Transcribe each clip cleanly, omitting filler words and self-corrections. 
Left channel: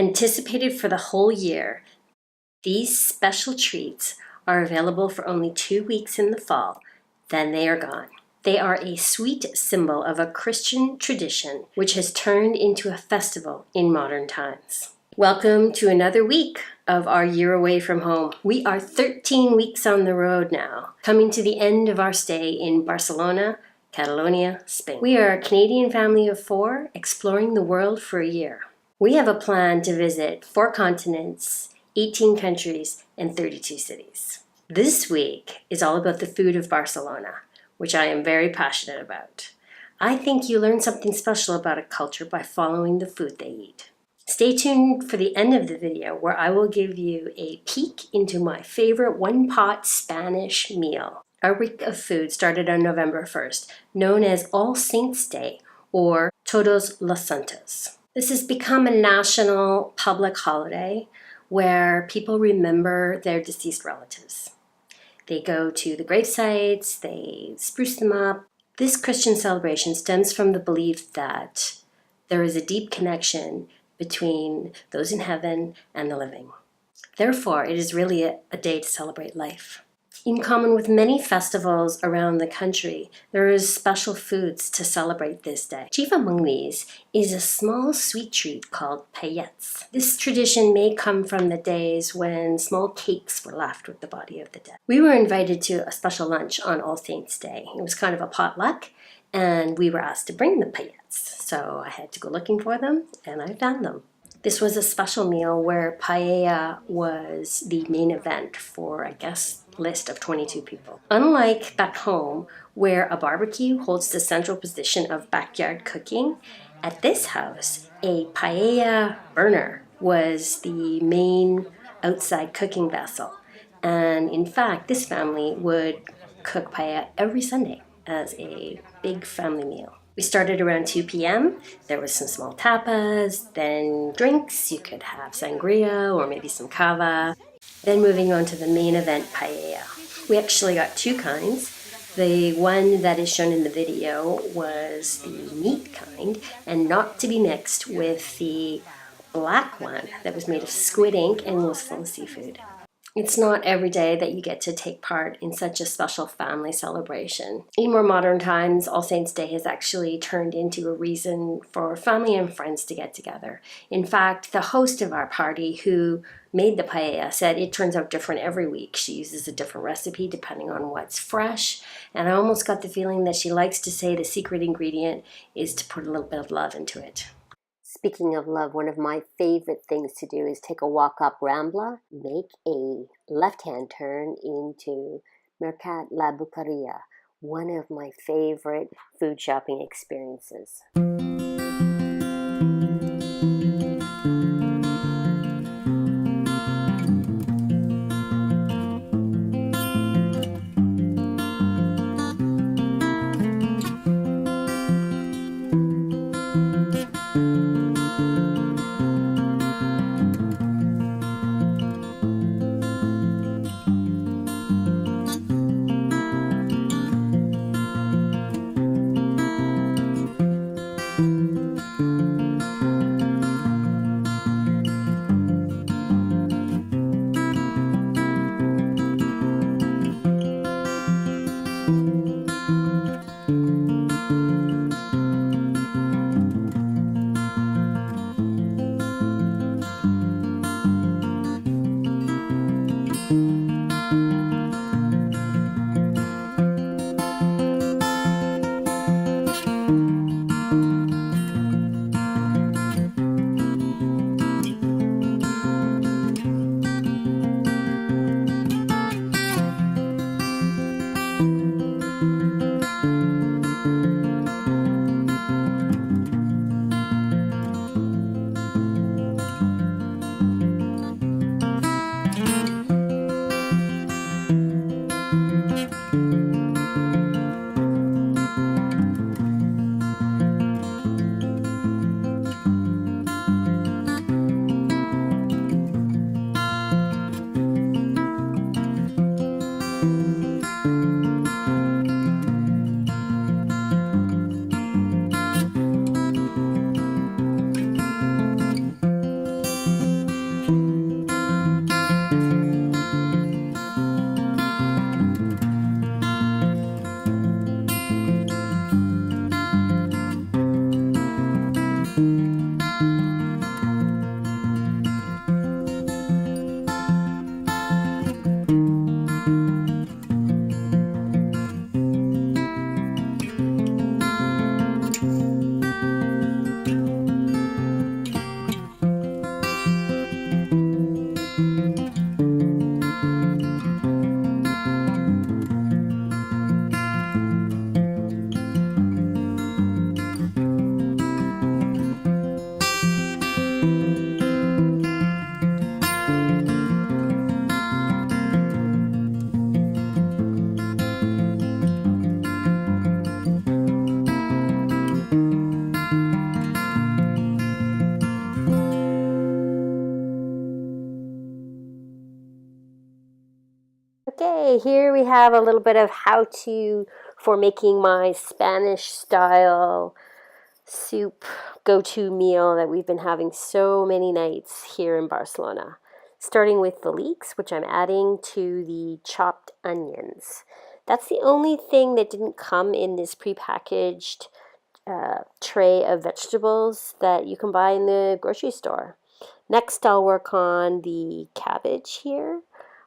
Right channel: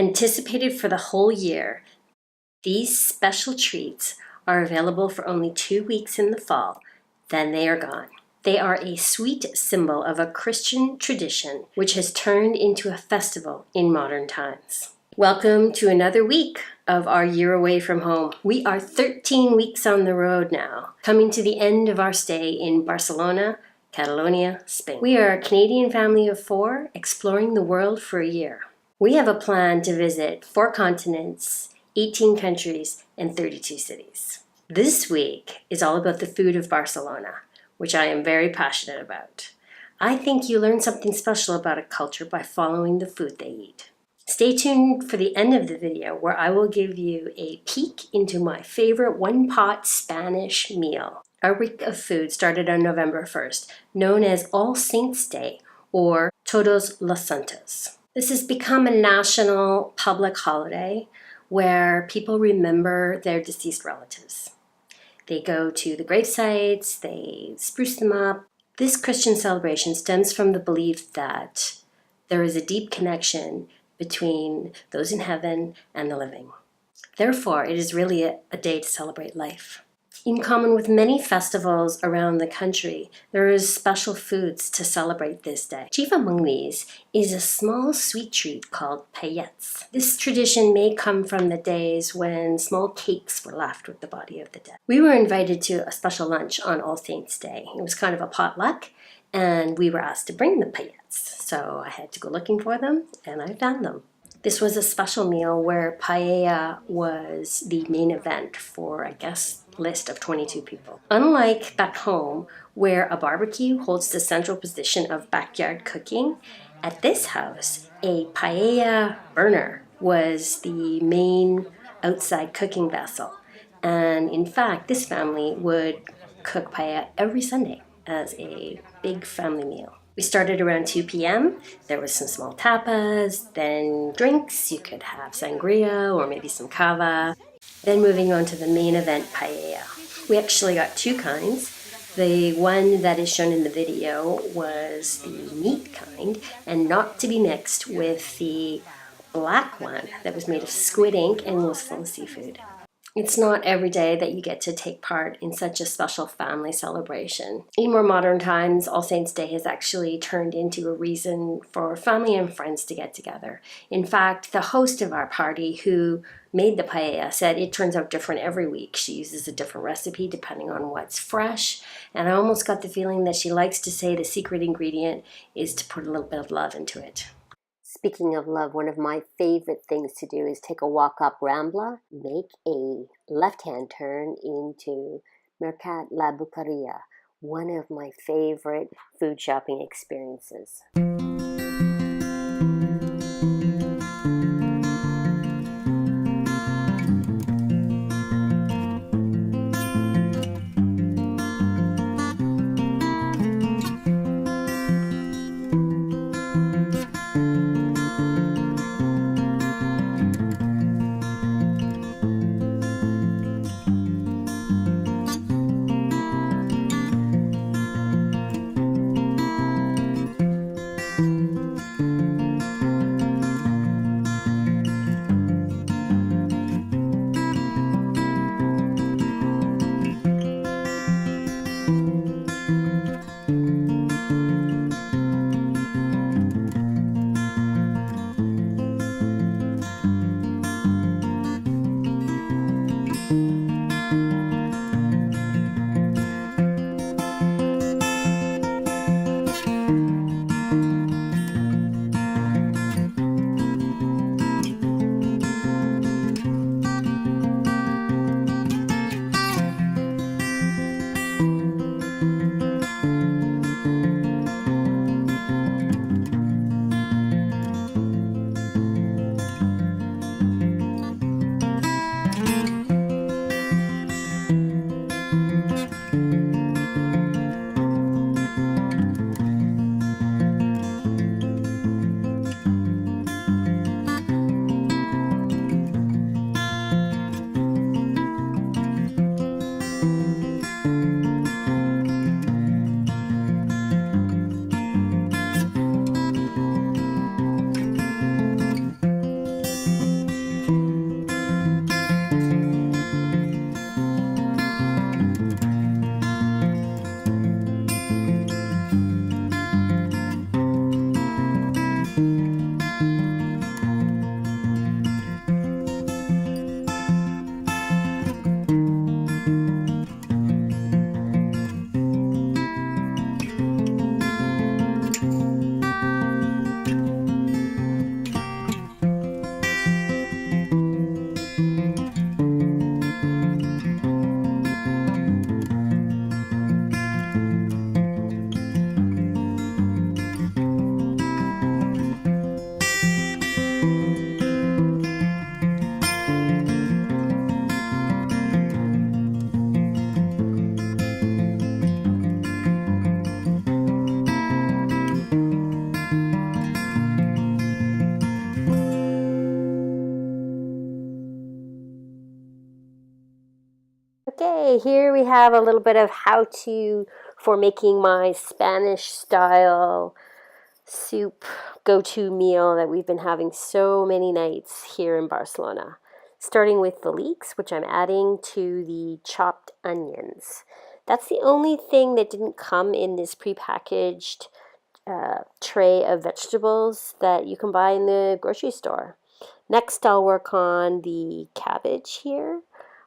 Anticipated for the whole year, these special treats are available for only 2 weeks in the fall, then they are gone. They are a sweet symbol of a Christian tradition which has turned into a festival in modern times. Welcome to another week of our year away from home. We are 13 weeks on the road now, coming to the end of our stay in Barcelona, Catalonia, Spain. We are a Canadian family of 4 exploring the world for a year. We have a plan to visit 4 continents, 18 countries, and 32 cities. This week is all about the food of Barcelona, which I am very passionate about. I think you learn something special about a culture by following the food they eat. Stay tuned for the end of the video where I will give you a peek into my favorite one-pot Spanish meal. Our week of food started on November 1st, known as All Saints' Day or Todos los Santos. This has become a national public holiday where people remember their deceased relatives. They go to the grave sites, they spruce them up. This Christian celebration stems from the belief that there is a deep connection between those in heaven and the living. Therefore, it is really a day to celebrate life. In common with many festivals around the country, there is special foods to celebrate this day. Chief among these is a small sweet treat called Paelletes. This tradition may come from the days when small cakes were left with the body of the dead. We were invited to a special lunch on All Saints' Day. It was kind of a potluck, and we were asked to bring the Paelletes. So I had to go looking for them, and I found them. This was a special meal where paella was the main event for a guest list of 22 people. Unlike back home, where a barbecue holds the central position of backyard cooking, at this house, a paella burner was the main outside cooking vessel. And in fact, this family would cook paella every Sunday as a big family meal. We started around 2 p.m. There was some small tapas, then drinks. You could have sangria or maybe some cava. Then moving on to the main event, paella. We actually got 2 kinds. The one that is shown in the video was the meat kind and not to be mixed with the black one that was made of squid ink and was full of seafood. It's not every day that you get to take part in such a special family celebration. In more modern times, All Saints' Day has actually turned into a reason for family and friends to get together. In fact, the host of our party who made the paella said it turns out different every week. She uses a different recipe depending on what's fresh, and I almost got the feeling that she likes to say the secret ingredient is to put a little bit of love into it. Speaking of love, one of my favorite things to do is take a walk up Rambla, make a left-hand turn into La Boqueria, one of my favorite food shopping experiences. Okay, here we have a little bit of how-to for making my Spanish style soup go-to meal that we've been having so many nights here in Barcelona. Starting with the leeks, which I'm adding to the chopped onions. That's the only thing that didn't come in this prepackaged tray of vegetables that you can buy in the grocery store. Next, I'll work on the cabbage here.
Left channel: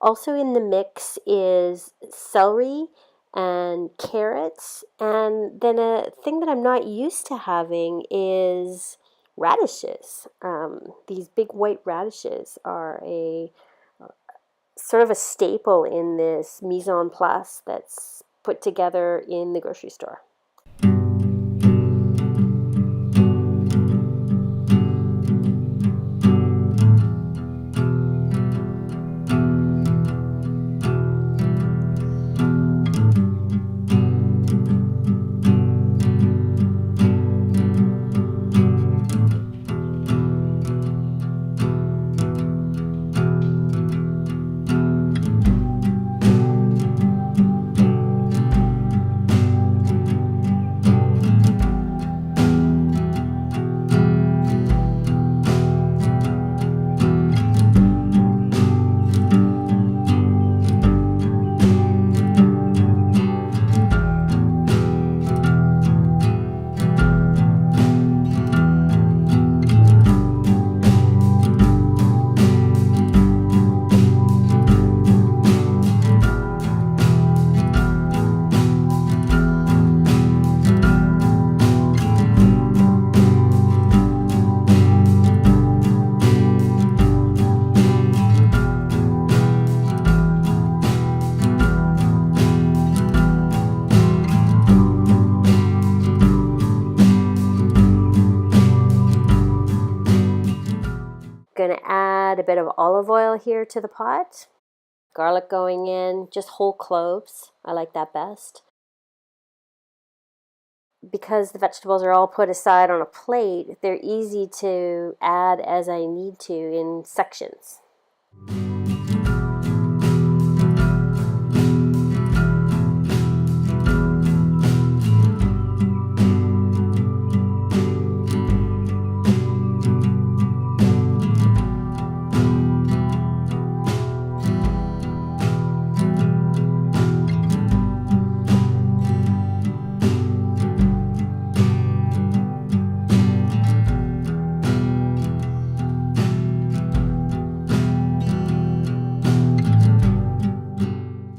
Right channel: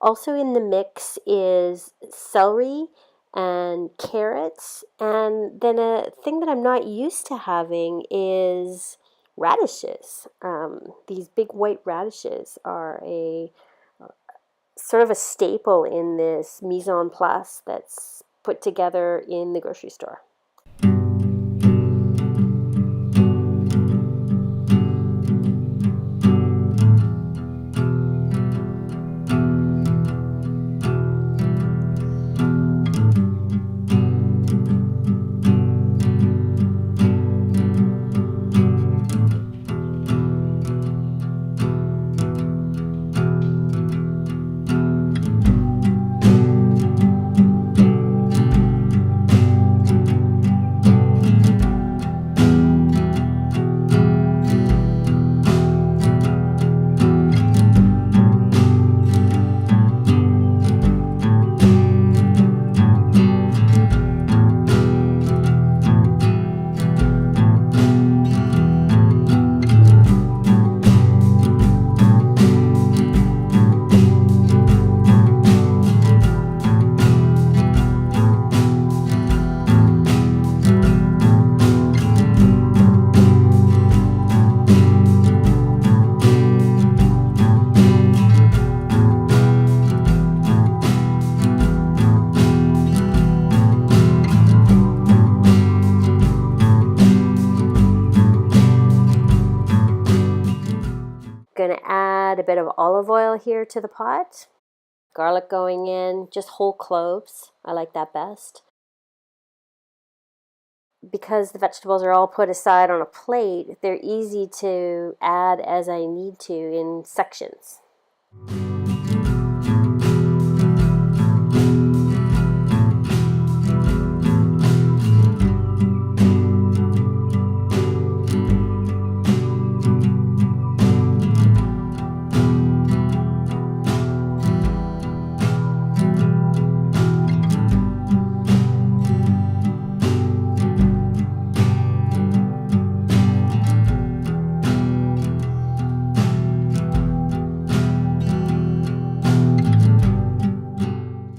Also in the mix is celery and carrots. And then a thing that I'm not used to having is radishes. These big white radishes are a sort of a staple in this mise en place that's put together in the grocery store. Going to add a bit of olive oil here to the pot. Garlic going in, just whole cloves. I like that best. Because the vegetables are all put aside on a plate, they're easy to add as I need to in sections.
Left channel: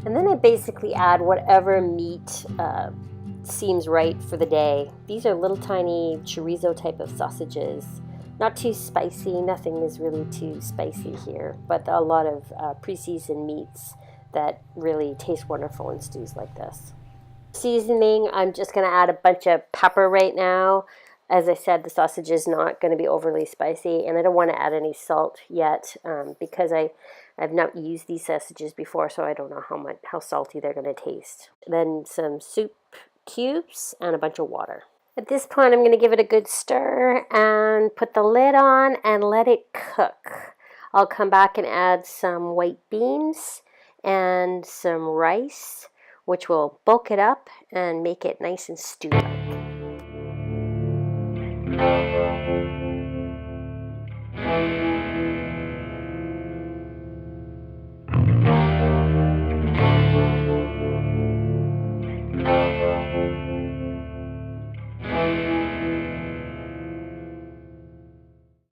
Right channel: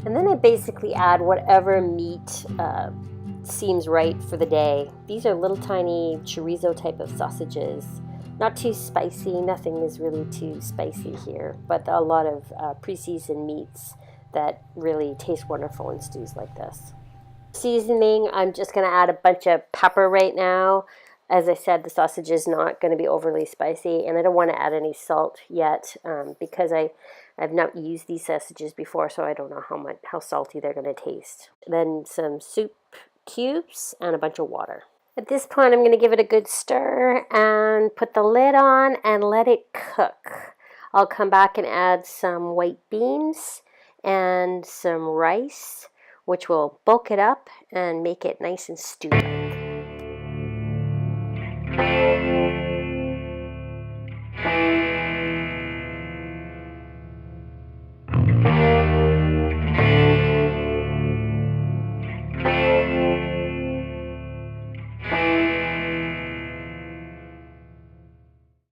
And then I basically add whatever meat seems right for the day. These are little tiny chorizo type of sausages. Not too spicy, nothing is really too spicy here, but a lot of pre-seasoned meats that really taste wonderful in stews like this. Seasoning, I'm just going to add a bunch of pepper right now. As I said, the sausage is not going to be overly spicy, and I don't want to add any salt yet because I've not used these sausages before, so I don't know how salty they're going to taste. Then some soup cubes and a bunch of water. At this point, I'm going to give it a good stir and put the lid on and let it cook. I'll come back and add some white beans and some rice, which will bulk it up and make it nice and stew-like.